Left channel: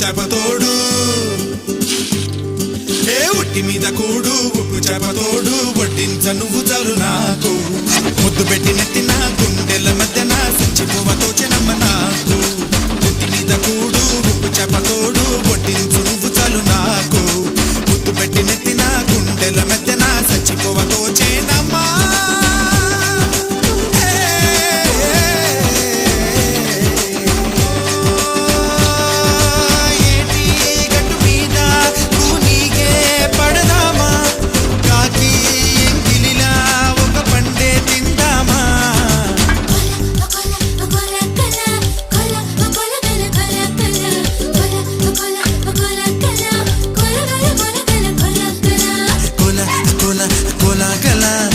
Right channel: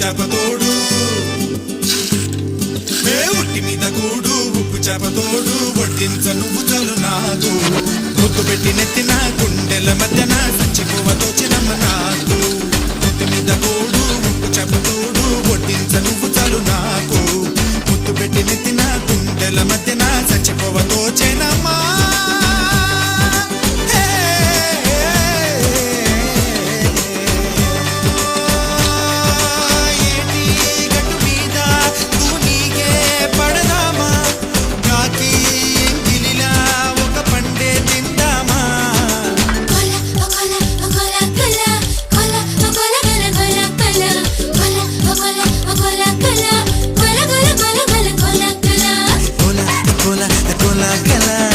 చేపతోడు ఏ ఒట్టి మీద కూడు ఉప్పు చేపతోడు వడ్డించ నువ్వు చాలు నాకు. ముద్దు పెట్టి నెత్తిన గుండెల మధ్యన సంచి పువ్వతో చినమ్మ నాకు. నెత్తి మీద కూడు ఉప్పు చేప con la cara.